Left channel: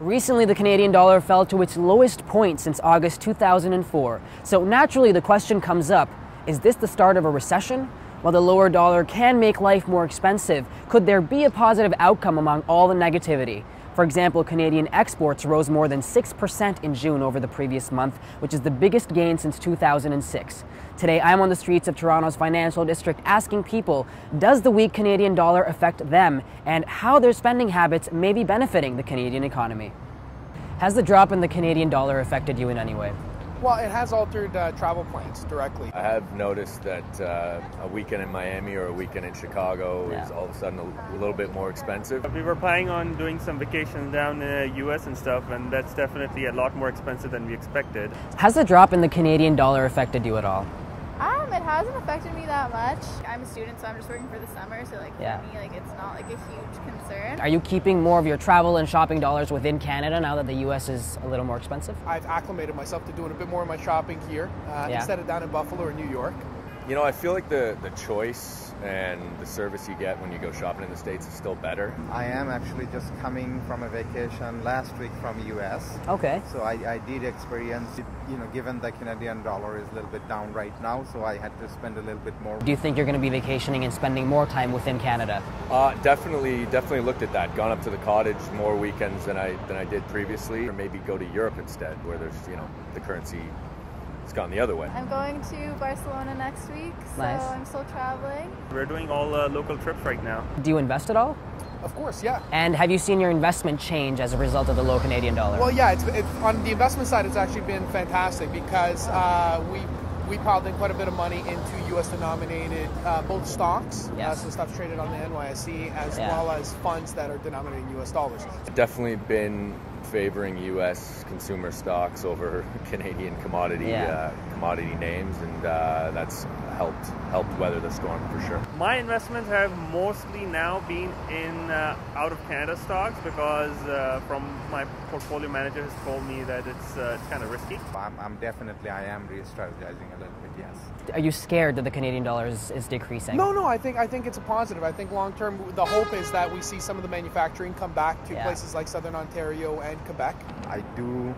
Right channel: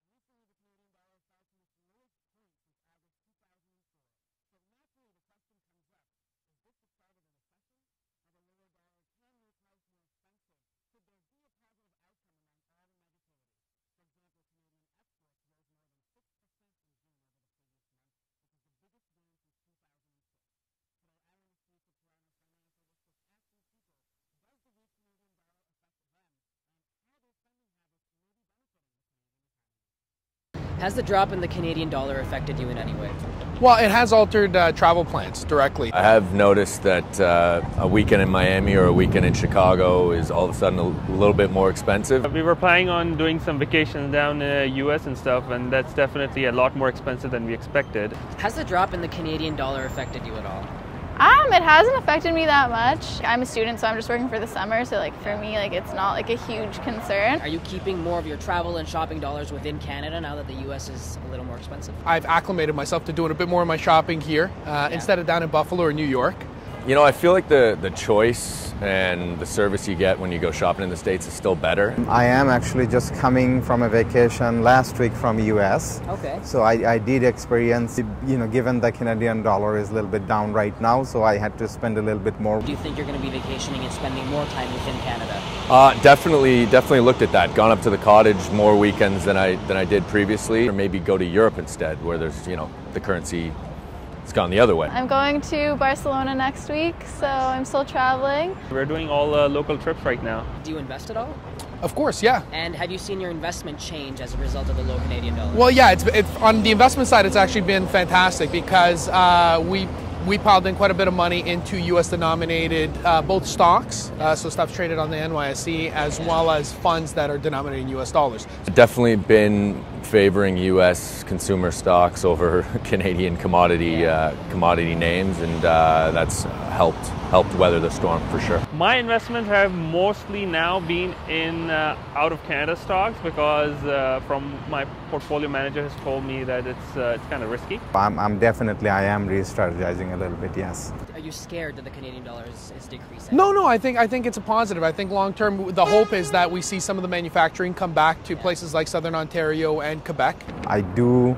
Recently, the Canadian dollar fell to its lowest point since August 2004. So naturally, the question comes up, is this the start of a recession? While the lower dollar can make life more expensive, could there be a positive outcome among all the negativity? For example, Canadian exports rose more than 6% in June over the previous month, which is the biggest gain since 2006. Today, I'm on the streets of Toronto's financial district asking people, does the weak Canadian dollar affect them, and how their spending habits may be benefiting the Canadian economy? Has the drop in the Canadian dollar affected you in any way? Well, it has altered travel plans directly. I have noticed that a weekend in Miami or a weekend in Chicago is all of a sudden a little bit more expensive. We were planning on doing some vacations down in the US and stuff, and that's definitely a lot more expensive than we expected. Has the drop in the Canadian dollar affected you at all? It hasn't affected me that much. I'm a student, so I'm just working for the summer, so for me, it's not a huge concern. Are you keeping more of your travel and shopping dollars within Canada now that the US is a little more expensive? I've acclimated myself to doing a bit more of my shopping here instead of down in Buffalo or New York. You know, I feel like the choice and the service you get when you go shopping in the States is still better. I am actually just coming from a vacation last week from US. Okay. So I did experience, given the Canadian dollar is a little bit down right now, so I had to spend a little bit more. Do you think you're going to be vacationing and spending more time within Canada? Definitely looked at that. Gone up to the cottage more weekends than I did previously, or maybe go to Europe instead, where there's, the currency. It's gone the other way. I'm going to Barcelona next week, so Nice. I'm still traveling. We're doing all local trips right now. Do you invest at all? Of course, yeah. And have you seen your investment change as a result of the low Canadian dollar? Well, yeah, it's on the investment side, it's actually been fantastic because we piled in quite a bit of money into U.S. denominated both stocks, so stuff traded on the NYSE, as well as funds that are denominated in U.S. dollars. Definitely been favoring U.S. consumer stocks over Canadian commodity names, and that's helped weather the storm for sure. My investments have mostly now been in out of Canada stocks because from my portfolio manager has told me that it's kind of risky. I am re-strategizing a little bit, yes. Are you scared that the Canadian dollar is decreasing? No, I think it's a positive. I think long term, the hope is that we see some of the manufacturing come back to places like Southern Ontario and Quebec. I do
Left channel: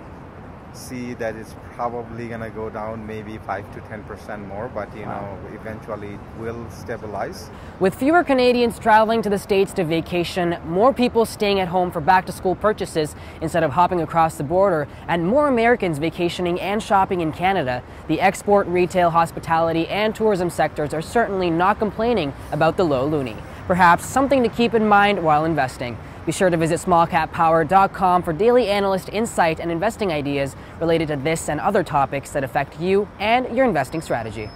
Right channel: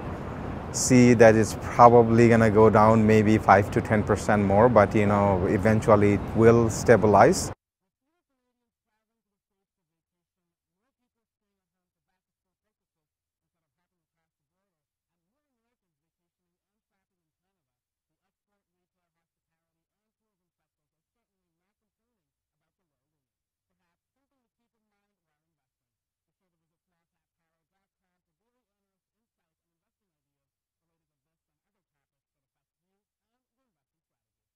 see that it's probably going to go down maybe 5 to 10% more, but eventually it will stabilize. With fewer Canadians traveling to the States to vacation, more people staying at home for back-to-school purchases instead of hopping across the border, and more Americans vacationing and shopping in Canada, the export, retail, hospitality, and tourism sectors are certainly not complaining about the low loonie. Perhaps something to keep in mind while investing. Be sure to visit smallcappower.com for daily analyst insight and investing ideas related to this and other topics that affect you and your investing strategy.